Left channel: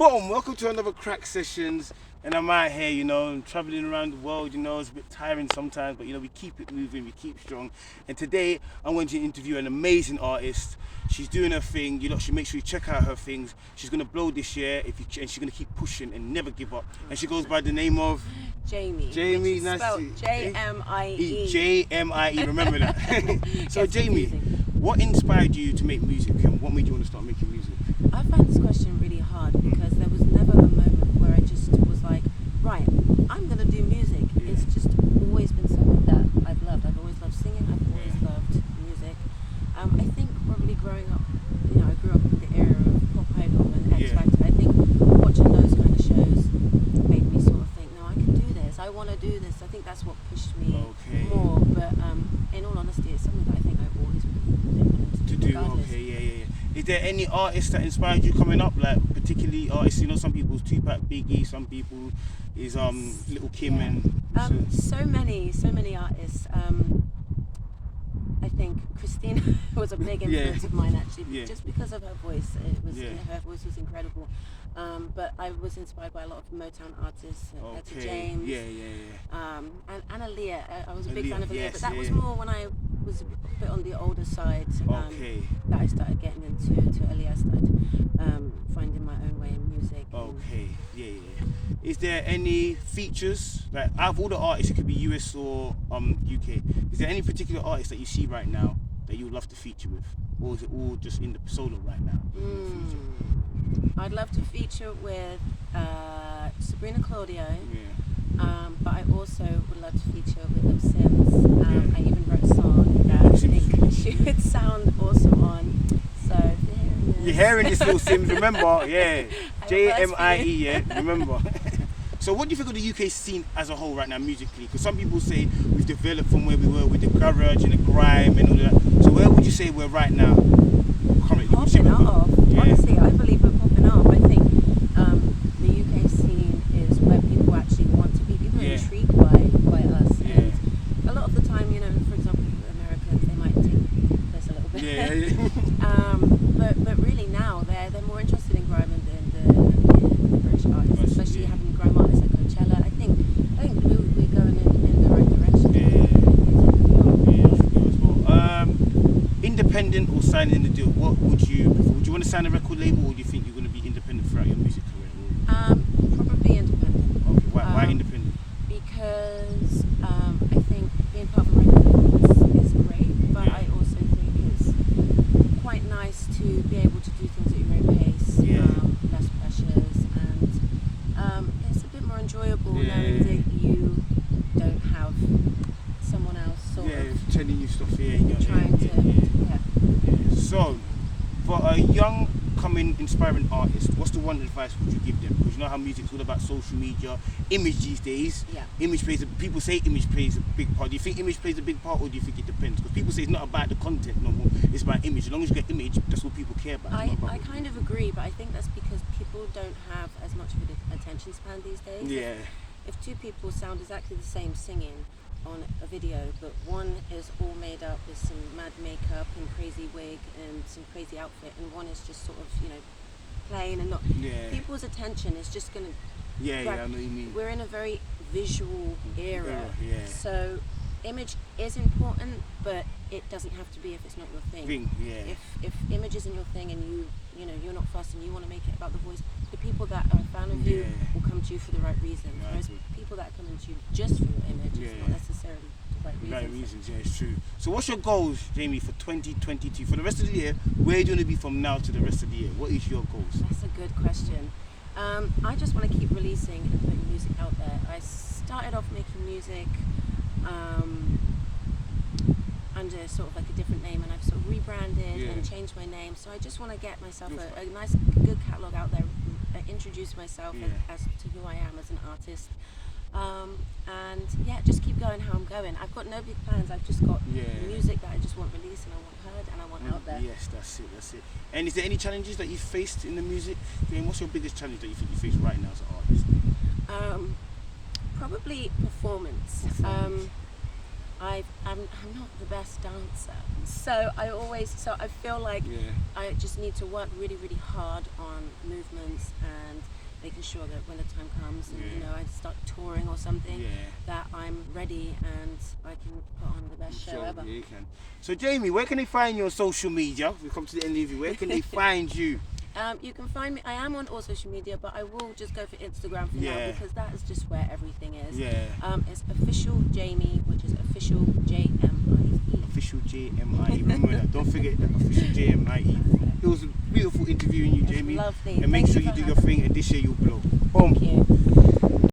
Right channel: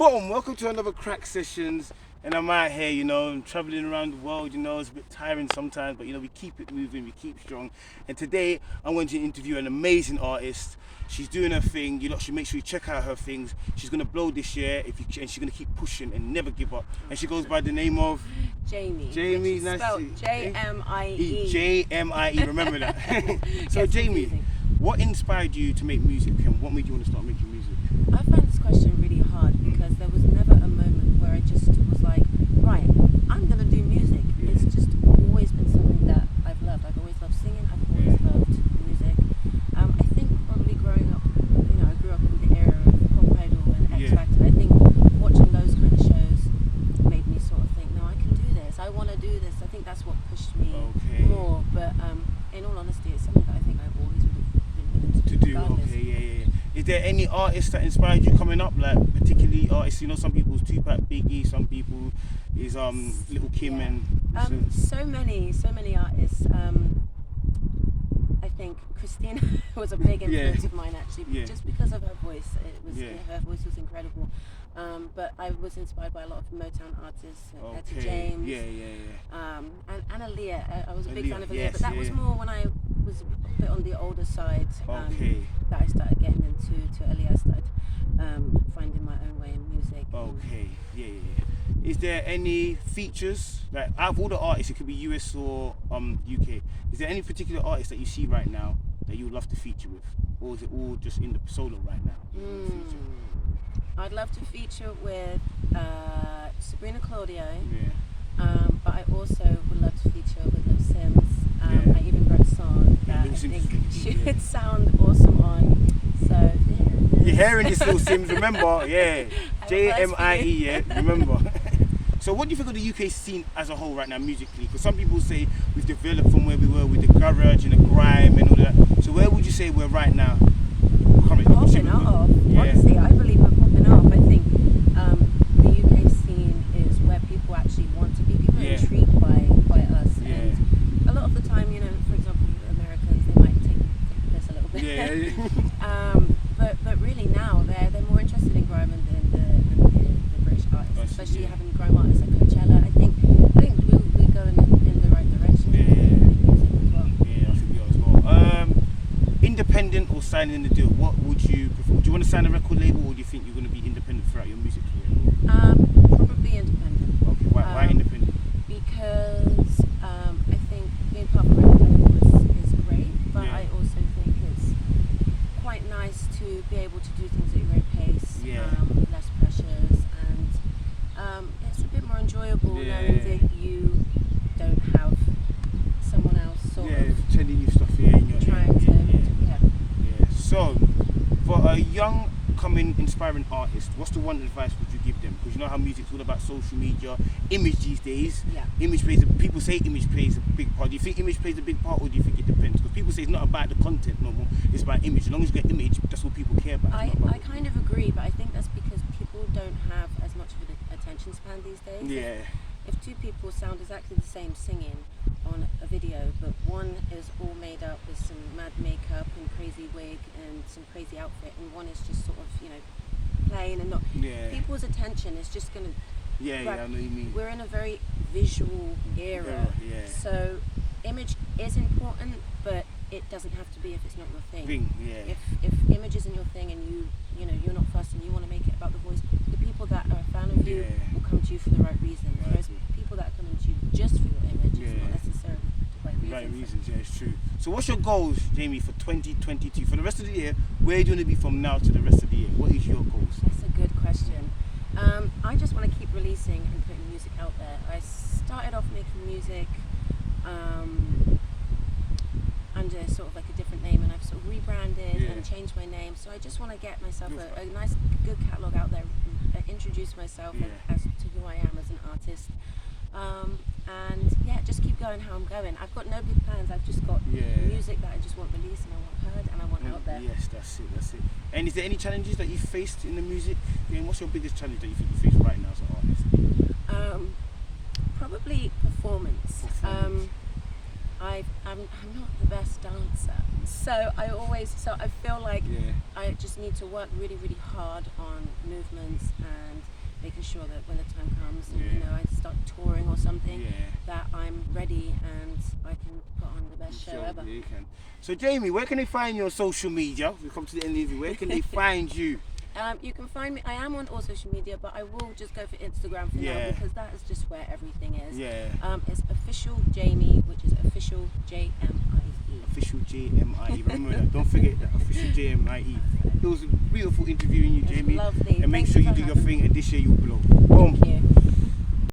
Boom! Welcome to another Crack Sessions. And I'm out here, you know, I'm traveling around the world, you know, it's a bit tiring sometimes, but you know, we keep it moving, we keep strong. And today, I'm going to interview an amazing artist. She's doing her thing, you know, she make sure you check out her things. She's gonna blow this year, and she's gonna keep pushing and never give up. And she goes by the name of Jamie. Jamie, which is spelled J-M-I-E. J-M-I-E, remember that. So Jamie, what inspired you to make music and what made you want to start making music? I find this question really hard because there was never a moment where I just was like, right, I'm going to do music. Yeah. It's just always been something that I've loved. I've always loved singing. I've always loved music. I think probably growing up, you know, I grew up in the era of Pop Idol and X Factor. I think watching those kind of shows made me sort of think, no, I can do this. I want to do this. I think that's what pushed me more. But in all honesty, it's something that I think I always would have been willing to do regardless. Okay, yeah. Is there any artists that inspired you coming up? Like particularly artists, you know, some people's Tupac, Biggie, some people is Little Kim and so many artists. I think Christina was a big influence of mine actually, just because of her voice. Her voice was incredible. But I was inspired by a lot of Motown artists, Etta James, and Aaliyah. I was a big fan of Aaliyah, but that was more when I was a bit on the older side that I started getting into Aaliyah. I started finding my own way in music. Is there any features, like out of all the artists, it could be US or UK, is there any particular artist that you see right now that you would love to feature with? Or is it all just in the solo right now? I'd love to feature with Sabrina Claudio, but I also would love to feature with Lil Sims. I even wrote a song that I think she would sound awesome on. So you're hearing this, Lil Sims, remember? J-M-I-E, remember? So what do you think of the UK scene as a whole right now musically? Because some people say we've developed from where we were with the garage and the grime and all that. So where would you say we're right now? Popping off. Honestly, I believe we're popping off. I think the UK scene is where people actually want to be. People are intrigued by us. And a lot of the time, you know, for example, Americans, they might take this a little bit. But really now they're more interested in grime than the British artists, especially having grime artists like Coachella. I think we're going in the right direction. Independent or signing the deal? What would you prefer? Would you want to sign a record label, or do you think you're going to be independent throughout your music career? Probably independent. Okay, why independent? Because I think being part of a record label is great, but I also think it's quite nice to be able to do things at your own pace, less pressures, and it's a bit more enjoyable knowing that you don't have someone else sort of telling you stuff trying to So for a young coming inspiring artist, what's the one advice would you give them? Because you know how music's all about social media, image these days. People say image plays a big part. Do you think image plays a big part, or do you think it depends? Because people say it's not about the content no more, it's about image. As long as you get image, that's what people care about. I kind of agree, but I think that's because people don't have as much of an attention span these days. If two people sound exactly the same singing on a video, but one is all made up with some mad makeup and crazy wig and some crazy outfit, and one is just sort of, you know, plain and not, people's attention is just going to I know what you mean. We're in a very visual era. So image is important, but it doesn't have to be if it's not your thing. If image isn't your thing and you know you're not fussed and you want to make it about the voice, the people that are a fan of you will come to you for the right reasons. Whereas people that are coming to you just for your image, it's not necessarily the right reasons. It's true. So what's your goals, Jamie, for 2022? For the rest of the year, where do you want to be from now to the rest of the year? What is your goals? That's a good question. I just want to keep releasing and putting music out there. I started off making music under sort of like a different name, and I've sort of rebranded and changed my name. So I just want to get myself a nice, good catalogue out there, introduce myself as to who I am as an artist, and just keep going how I'm going. I've got no big plans. I've just got music that I just want released and I want heard and I want out there. Yes, that's it. And is there any challenges that you faced in the music game? What's your biggest challenge that you think you face right now as an artist? 'Cause probably performance. Performance. I'm not the best dancer, so I feel like I just need to work really, really hard on movements and making sure that when the time comes and you know I start touring or something, that I'm ready and I can put on the best show ever. Yeah, you can. So Jamie, where can they find you on social media? We've come to the end of the interview. Where can they find you? You can find me. I am on all social media, but I will just go for Instagram for now because that is just where everything is. It's official Jamie, which is official JMIE. Official JMIE. Remember that. Don't forget that. Official JMIE. It was a beautiful interviewing you, Jamie. Lovely. And make sure you do your thing, and this year you'll blow. Boom. Thank you.